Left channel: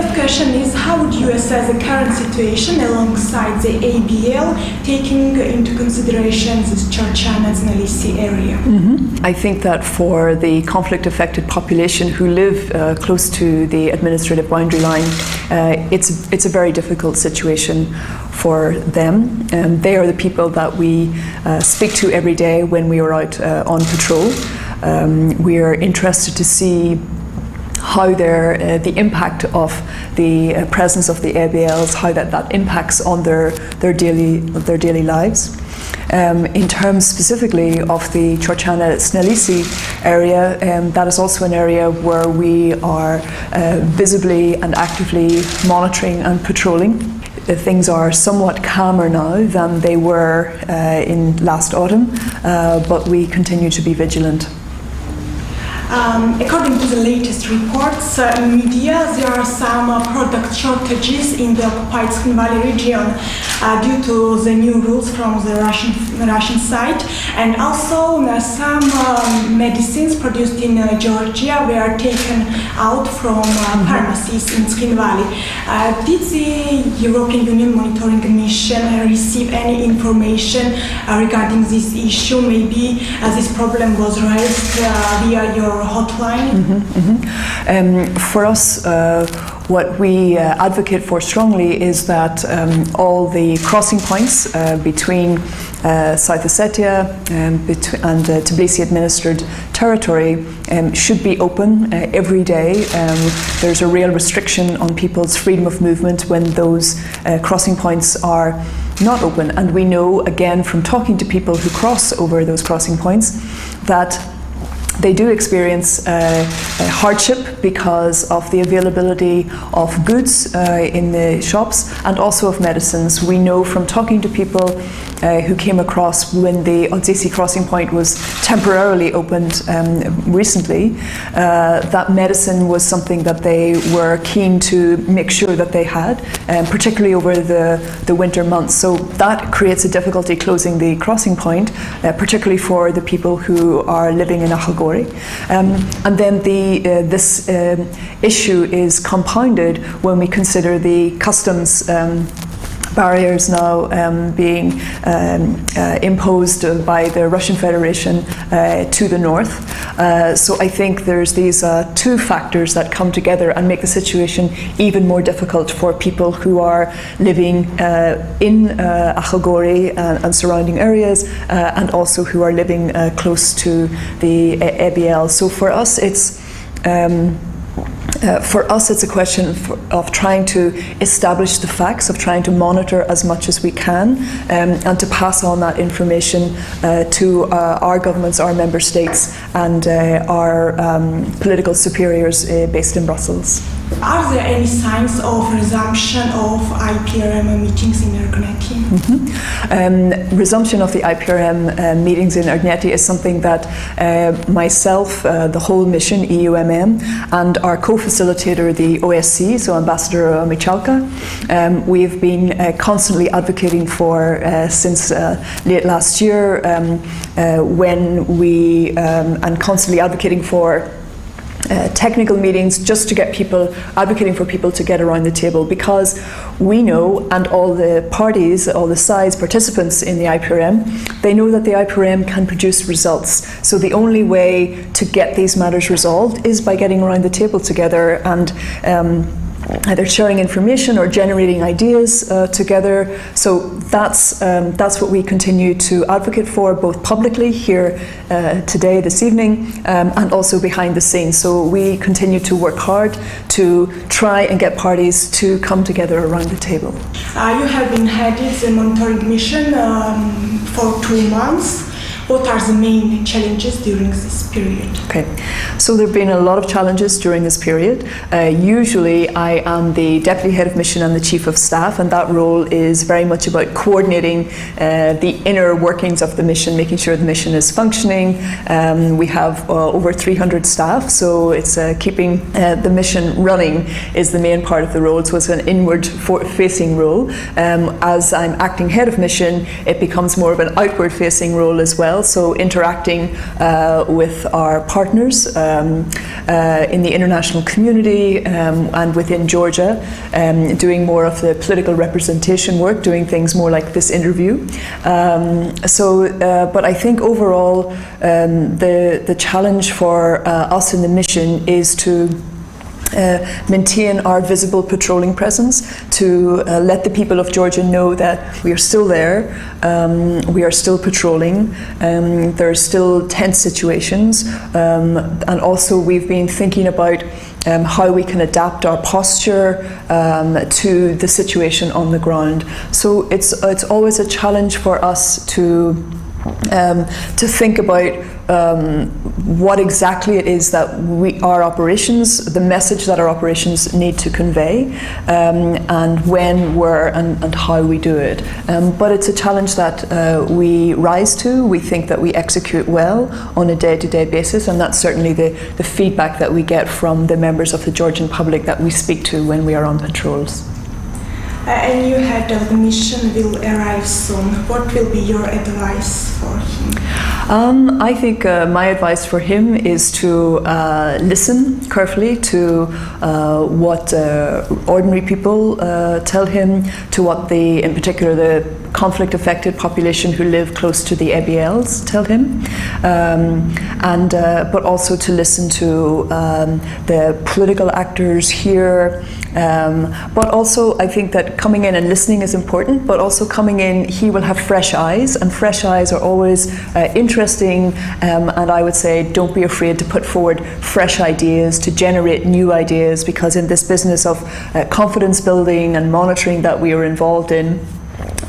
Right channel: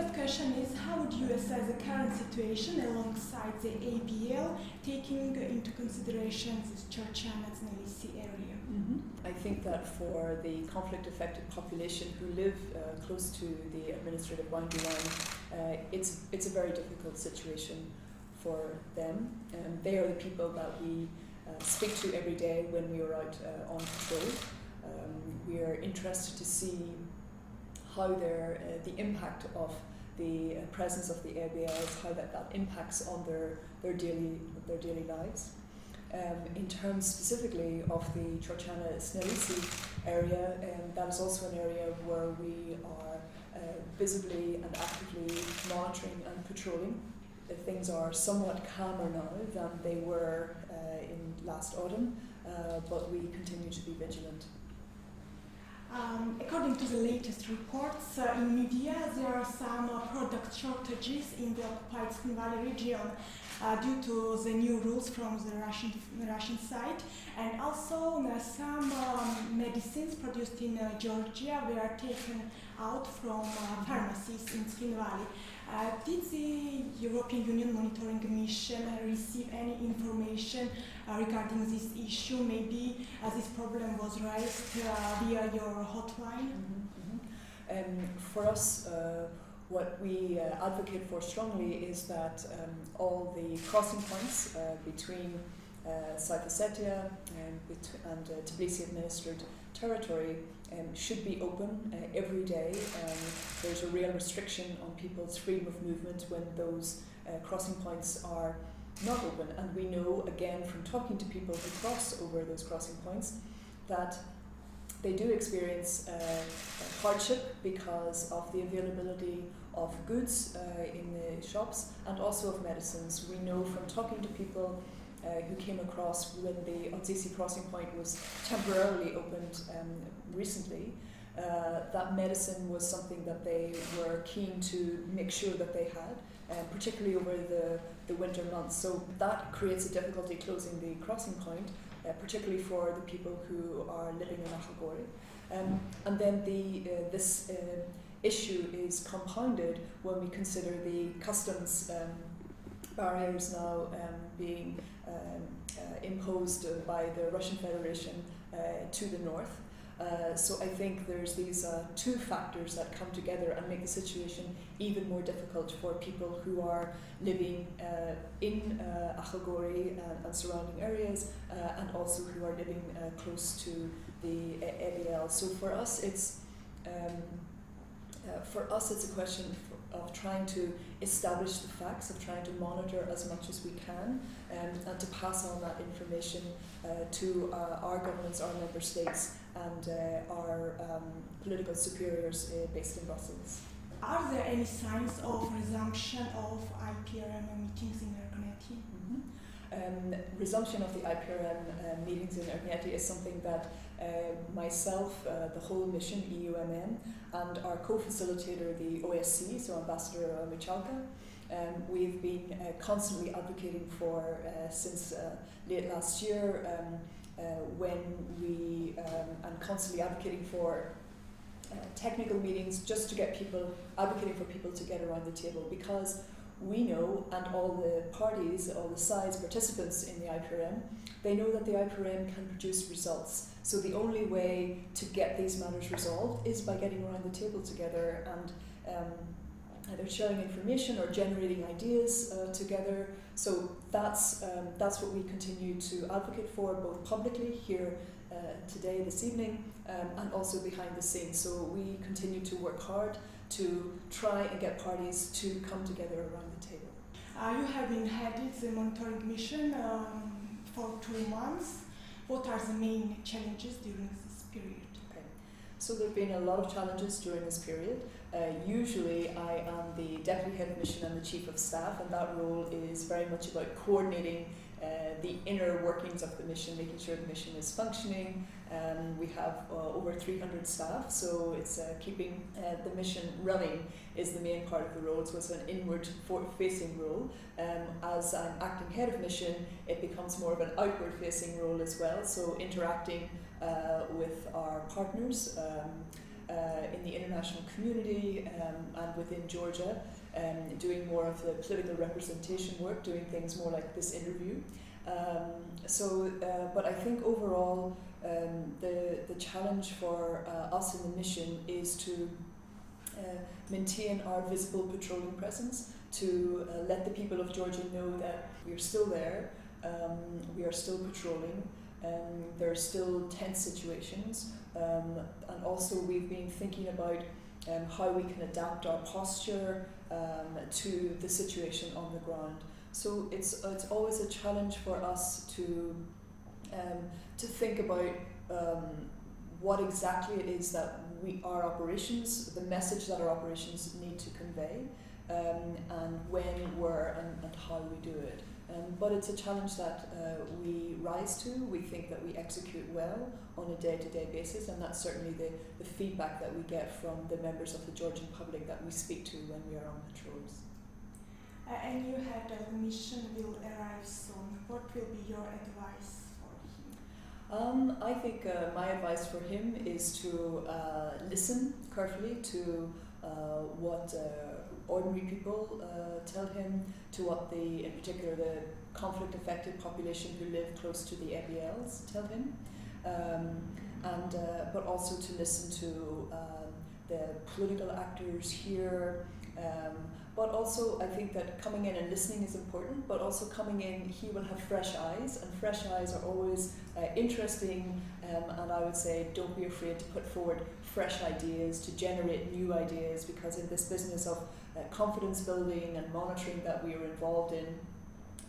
third question is, how would you assess the current situation alongside the ABL, taking into consideration the Georgian and Tbilisi area? I think that for the conflict-affected population who live close to the administrative boundary line, it's a very difficult situation for them. They are the people that we speak to every day when we are out on patrol. We are interested to see how the impact of the presence of the ABLs, how that impacts on their daily lives. In terms specifically of the Georgian-Tbilisi area, that is also an area where we are visibly and actively monitoring and patrolling. Things are somewhat calmer now than they were in last autumn, but we continue to be vigilant. According to the latest reports in media, there are some product shortages in the occupied Skin Valley region due to the new rules from the Russian side, and also some medicines produced in Georgia were taken out from pharmacies in Skin Valley. Did the European Union Monitoring Mission receive any information regarding this issue? Maybe this problem was raised via your hotline? For us, what we advocate for strongly is that all the crossing points between South Ossetia and Tbilisi administered territory should be open every day. There's a real restriction on people's freedom of movement when those crossing points are not open, and we know again from talking to people who cross over those crossing points that they do experience hardship because of the availability of goods in the shops and also of medicines. We know from talking to people who came across when the Odzyssy crossing point was temporarily opened recently, that medicine was something that they were keen to make sure that they had, particularly over the winter months. So that creates a difficulty closing the crossing point, particularly for the people who are living in Ahogori. And then this issue is compounded when we consider the customs barriers now being imposed by the Russian Federation to the north. So I think there's these two factors that come together and make the situation even more difficult for people who are living in Ahogori and surrounding areas, and also who are living close to the ABL. So for us, it's a question of trying to establish the facts, of trying to monitor as much as we can, and to pass on that information to our governments, our member states, and our political superiors based in Brussels. Are there any signs of resumption of IPRM meetings in Ergoneti? Resumption of the IPRM meetings in Ergoneti is something that myself, the whole mission, EUMM, and our co-facilitator, the OSC, so Ambassador Michalka, we've been constantly advocating for since late last year, when we, and constantly advocating for technical meetings, just to get people, advocating for people to get around the table, because we know, and all the parties, all the sides, participants in the IPRM, they know that the IPRM can produce results. So the only way to get these matters resolved is by getting around the table together and either sharing information or generating ideas together. So that's what we continue to advocate for, both publicly here today, this evening, and also behind the scenes. So we continue to work hard to try and get parties to come together around the table. You have been heading the monitoring mission for 2 months. What are the main challenges during this period? Okay, so there have been a lot of challenges during this period. Usually I am the Deputy Head of Mission and the Chief of Staff, and that role is very much about coordinating the inner workings of the mission, making sure the mission is functioning. We have over 300 staff, so it's keeping the mission running is the main part of the role, so it's an inward-facing role. As I'm acting Head of Mission, it becomes more of an outward-facing role as well, well. So interacting with our partners in the international community and within Georgia, doing more of the political representation work, doing things more like this interview. But I think overall the challenge for us in the mission is to maintain our visible patrolling presence, to let the people of Georgia know that we are still there, we are still patrolling, there are still tense situations, and also we've been thinking about how we can adapt our posture to the situation on the ground. So it's always a challenge for us to think about what exactly it is that our operations, the message that our operations need to convey, and when, where, and how we do it. But it's a challenge that we rise to. We think that we execute well on a day-to-day basis, and that's certainly the feedback that we get from the members of the Georgian public that we speak to when we are on patrols. A new head of the mission will arrive soon. What will be your advice for him? I think my advice for him is to listen carefully to what ordinary people tell him, to what in particular the conflict-affected population who live close to the ABLs tell him, but also to listen to the political actors here. But also I think that coming in and listening is important, but also coming in, he will have fresh eyes, and fresh eyes are always interesting, and I would say don't be afraid to put forward fresh ideas, to generate new ideas, because in this business of confidence building and monitoring that we are involved in,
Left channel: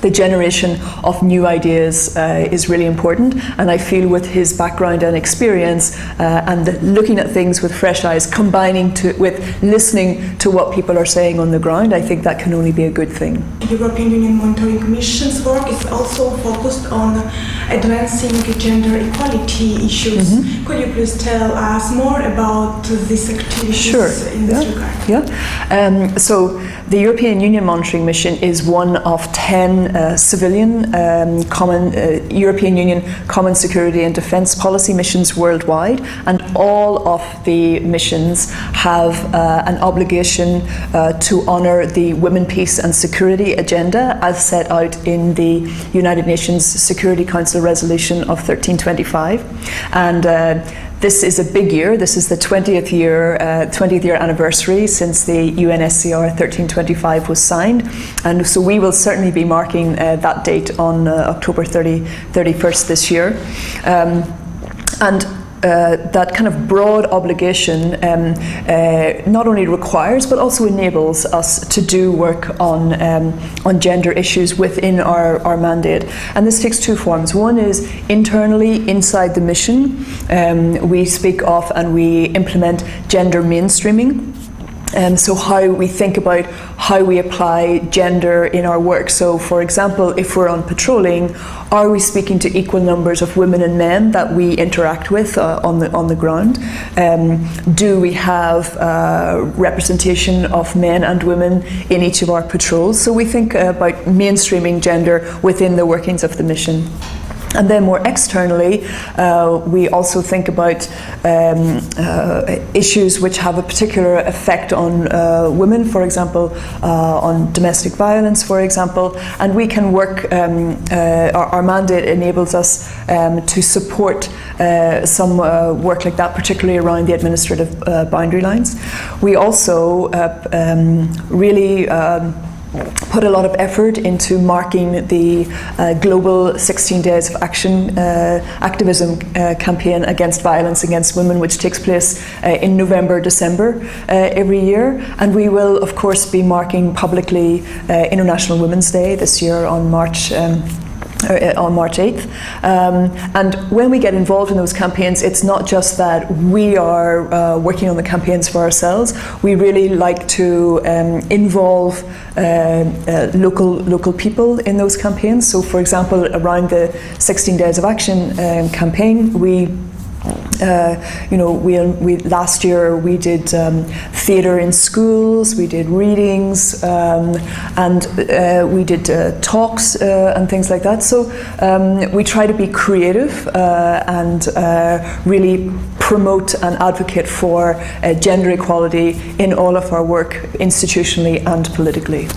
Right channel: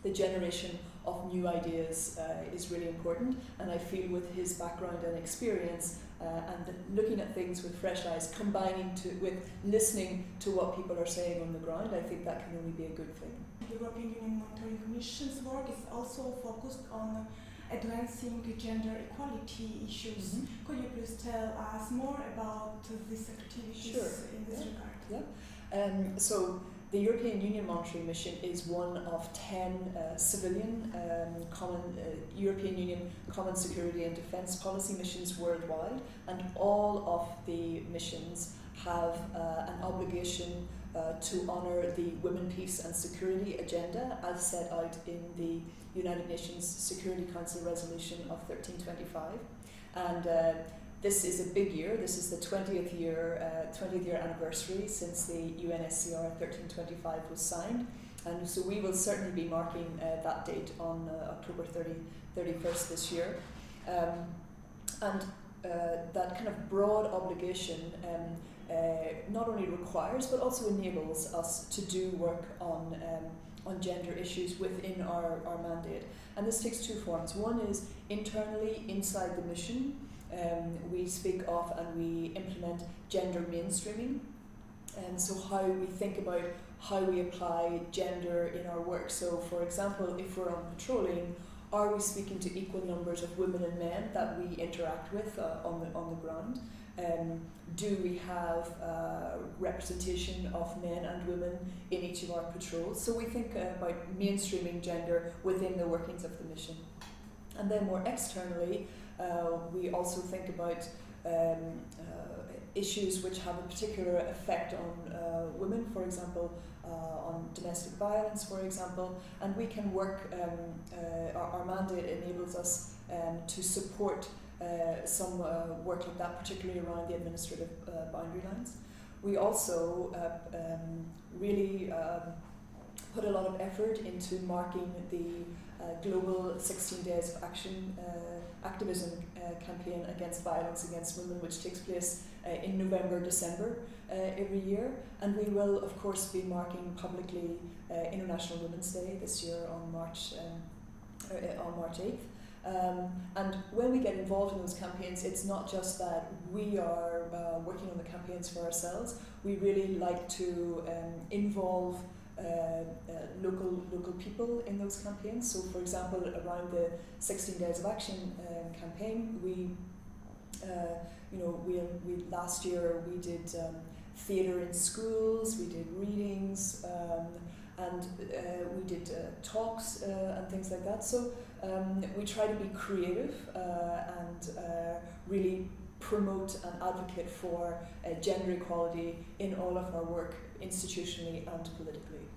the generation of new ideas is really important, and I feel with his background and experience and looking at things with fresh eyes, combining with listening to what people are saying on the ground, I think that can only be a good thing. The European Union Monitoring Mission's work is also focused on advancing gender equality issues. Mm-hmm. Could you please tell us more about these activities in this regard? Yeah. So the European Union Monitoring Mission is one of 10 civilian European Union Common Security and Defence Policy missions worldwide, and all of the missions have an obligation to honour the Women, Peace and Security agenda as set out in the United Nations Security Council Resolution of 1325. And this is a big year. This is the 20th year anniversary since the UNSCR 1325 was signed, and so we will certainly be marking that date on October 31st this year. That kind of broad obligation not only requires but also enables us to do work on gender issues within our mandate. And this takes two forms. One is internally inside the mission. We speak of and we implement gender mainstreaming. So how we think about how we apply gender in our work. So for example, if we're on patrolling, are we speaking to equal numbers of women and men that we interact with on the ground? Do we have representation of men and women in each of our patrols? So we think about mainstreaming gender within the workings of the mission. And then more externally, we also think about issues which have a particular effect on women, for example, on domestic violence, for example, and we can work, our mandate enables us to support some work like that, particularly around the administrative boundary lines. We also really put a lot of effort into marking the global 16 Days of Action activism campaign against violence against women, which takes place in November, December every year. And we will, of course, be marking publicly International Women's Day this year on March 8th. And when we get involved in those campaigns, it's not just that we are working on the campaigns for ourselves. We really like to involve local people in those campaigns. So for example, around the 16 Days of Action campaign, we You know, we last year we did theatre in schools, we did readings, and we did talks and things like that. So we try to be creative and really promote and advocate for gender equality in all of our work, institutionally and politically.